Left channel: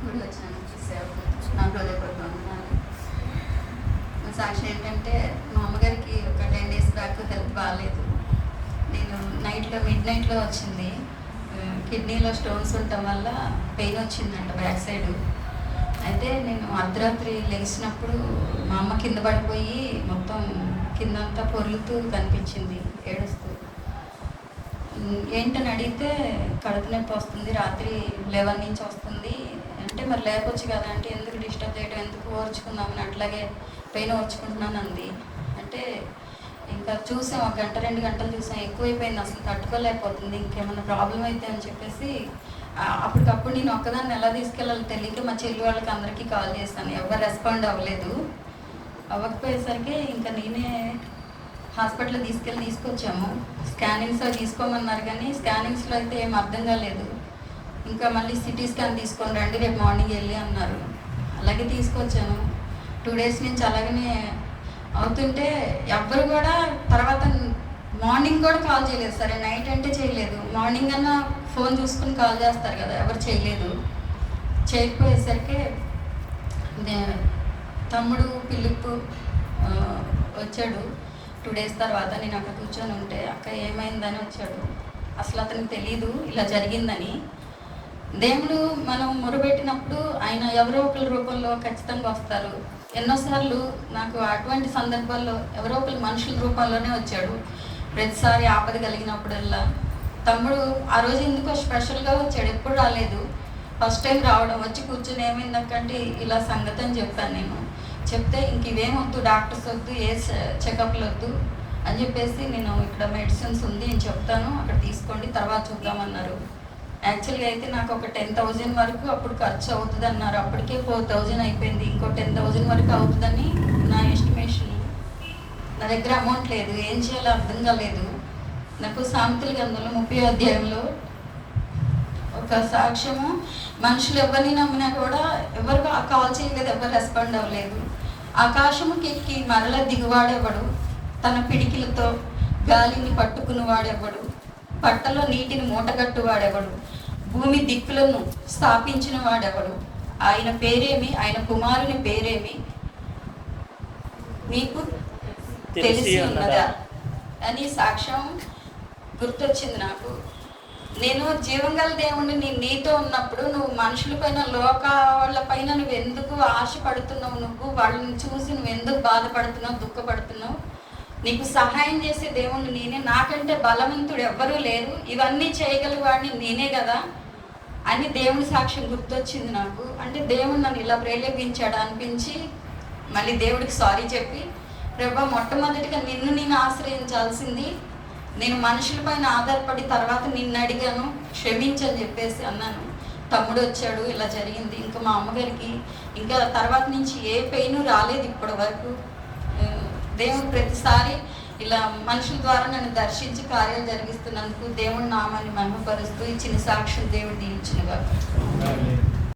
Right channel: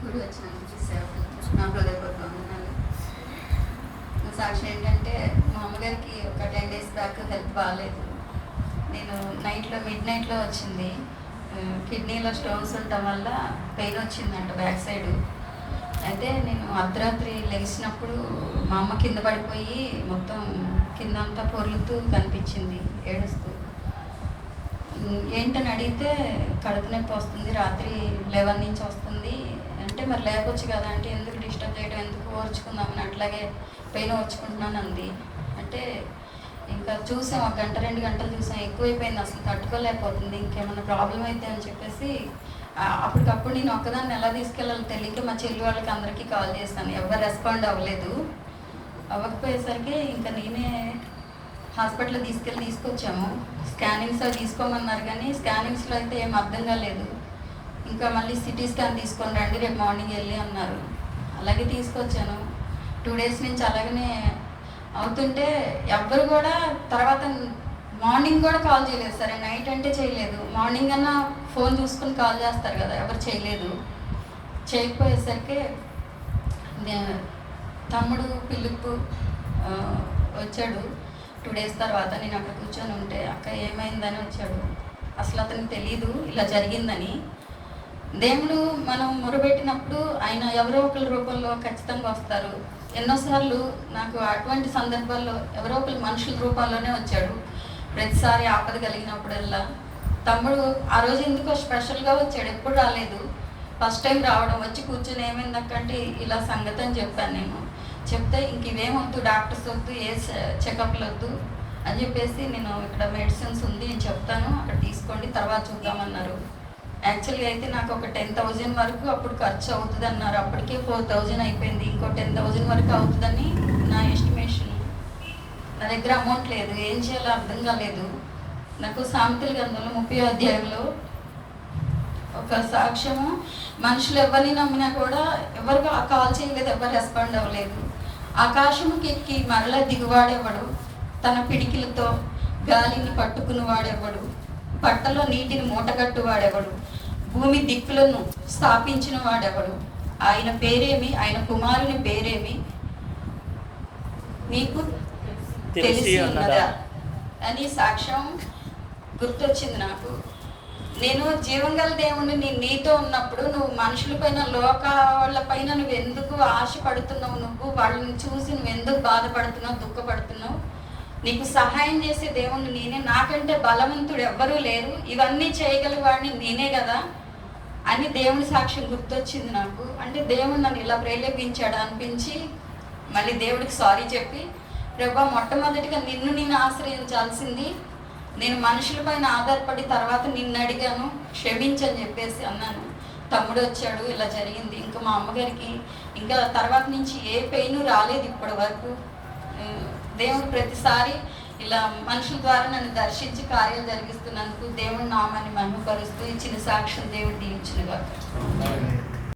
కూడి వచ్చిన సేవకు నా హృదయపూర్వకంగా సాక్షి ఏంటంటే మా అమ్మగారికి ఒక 10 days బ్యాక్ హెల్త్ బాగాలేదు. నేను మిడ్ నైట్లో వచ్చింది. కిడ్నీలో స్టోన్స్ ఉండటం వల్ల పెయిన్ వచ్చిందంట బ్యాక్ సైడ్. అయితే నేను అర్ధరాత్రి లేచినప్పుడు మా అమ్మ కింద పడిపోయి మొత్తం కిందంతా పొర్లుతూ కనిపించింది, ఏడుస్తూ. ఏంటని అడిగితే కడుపు నొప్పి వస్తుంది, రాత్రి 11 నుంచి వస్తుంది అంటే మరి లేకొచ్చు కదా అంటే ఎందుకు డిస్టర్బ్ చేయడం, ఎందుకు ఓర్చుకుందామని అట్లాగే పెయిన్ ఓర్చుకుంటున్నాను అంది. అంటే ఇంకా చూసాం, 1 గంట 2 గంటలు చూసాం, ఎక్కువైపోయింది, అసలు తట్టుకోలేకపోతుంది, ఇంకేమైనా ప్రాబ్లం అయితే అని చెప్పేసి అప్పటికప్పుడు నేను ఒక్కదాన్ని ఎలా తీసుకెళ్ళాలో తెలియక మా చెల్లి వాళ్ళకి అందరికీ కాల్ చేశాను. ఎవరు రెస్పాండ్ అవ్వలేదు. అవ్వకపోయేసరికి ఇంకా నేనే హాస్పిటల్లో తీసుకొచ్చాము. స్కానింగ్స్లో తీసుకోమన్నారు కానీ స్కానింగ్స్లో అయితే ఏం అర్థం కాలేదు. ఇంకా మళ్ళీ సిటీ స్కాన్ తీసుకొని రండి రేపు మార్నింగ్ వెళ్ళి అన్నారు. అలాగే తీసుకొచ్చాను. 2 days నుంచి అలాగనే అవుతుంటే ఎవ్వరు కూడా తర్వాత మార్నింగ్ కూడా కాల్ చేయలేదు. సరే నైట్ అంటే చేయలేదు, మార్నింగ్ అన్నా ఫోన్ చూసుకుని కాల్ చేస్తారు కదా, ఎవరు చేయలేదు. చేయకపోయేసరికి తమ్ముడు పిలుపు వచ్చాడు. 2 days తర్వాత నేను అక్కడ కూర్చొని ఉంటే అక్క ఏమైందని వచ్చాడు. అసలు అతనికి తెలియదు ఇలా జరిగిందని. దేవుడు మనం మొరబెట్టినప్పుడు ఆయన ఎవరో ఒకరి రూపంలో ఖచ్చితంగా వస్తారు. ఎన్నోసార్లు నాకు అటువంటి సందర్భాల్లో ఎవరో ఒకరు మనుషుల రూపంలోనే వచ్చాడు. ప్రతిసారి ఆపద కలిగినప్పుడల్లా తమ్ముడు ఆ రోజు ఎందుకో స్పెషల్గా వచ్చాడు, ఎప్పుడు రాలేదు. ఫస్ట్ టైం రావడం, వచ్చి కూర్చొని ఏమైందక్కంటే ఇలా సంగతి అని చెప్పాను. నేను చెప్తే ఇంక ఇవేం వద్దు, డాక్టర్స్ వద్దు, ఏ చెకప్లు వద్దు అని చెప్పేసి నేను ఇక్కడ మెడిసిన్స్ ఉంది నేను చెప్తాను అక్కడ తీసుకోండి తర్వాత చూద్దామన్నారు. యాక్చువల్గా అయితే నాకు ఒక 10,000 వరకు అప్పుడు ఖర్చు అవుతుంది అన్నారు. అప్పటికే 4,000 అయిపోయింది. ఇంకో 10,000 వరకు అవుతుందని నా ఎస్టిమేషన్. నా దగ్గర అమౌంట్ లేదు, ఏం చేయాలో అర్థం కాలేదు. నాకు సామెతల గ్రంథంలో 30వ అధ్యాయంలో ఒక సాక్ష్యము, మనుషులు ఎవరిని నమ్మినా కూడా ఎవరు కాల్ చేయలేదు, ఎవరు రెస్పాండ్ అవ్వలేదు. ఆకాశముకి ఎక్కి మరల దిగువాడెవడు, తన పిడికిలతో గాలిని పట్టుకుని వాడెవడు, పట్టలో నీటిని మూటగట్టువాడెవడు, భూమి దిక్కులను స్థాపించిన వాడెవడు, ఆయన పేరేమి, ఆయన కుమారుని పేరేమి మీకు తెలిసి ఉన్నదా అని సాక్ష్యం గుర్తొచ్చింది నాకు. నేను జీవంగల దేవుణ్ణి నీతో ఉన్నప్పుడు నువ్వు మనుషుల పైన లోక వాళ్ళ పైన నువ్వు ఎందుకు ఆశపడుతున్నావు, నువ్వు వాళ్ళని చూసి నువ్వు ఎందుకు బాధపడుతున్నావు, దుఃఖపడుతున్నావు, నీకు సహాయం చేసే దేవుణ్ణి నేనే, నాకంటే బలవంతుడు ఎవ్వరూ లేరు, ఇవన్నీ చేయగల వాడిని నేనే కదా అని దేవుని సాక్ష్యం గుర్తొచ్చింది నాకు. అంటే దేవుడు నన్ను ఇలా ప్రేరేపించాడు అనిపించి మళ్ళీ దేవుడికి సారీ చెప్పి, ప్రభా మొట్టమొదటిగా నిన్ను నేను ఆశ్రయించాల్సింది, నేను మనుషుల పైన ఆధారపడి తర్వాత నిన్ను అడిగాను, క్షమించని చెప్పేసి అన్నాను. తమ్ముడు వచ్చాడు, ఇలా జరిగింది. ఇంకా మా అమ్మగారికి ఇంకా తర్వాత నుంచి ఏ పెయిన్ రాలేదు ఇప్పటి వరకు. దేవుడు ప్రతిసారి ఇలా మనుషుల ద్వారా నన్ను దర్శించి కార్యాలు జరిగిస్తున్నందుకు దేవుడి నామాన్ని మహిమపరుస్తూ ఇచ్చిన సాక్ష్యం దేవుడు దీవించిన వారు.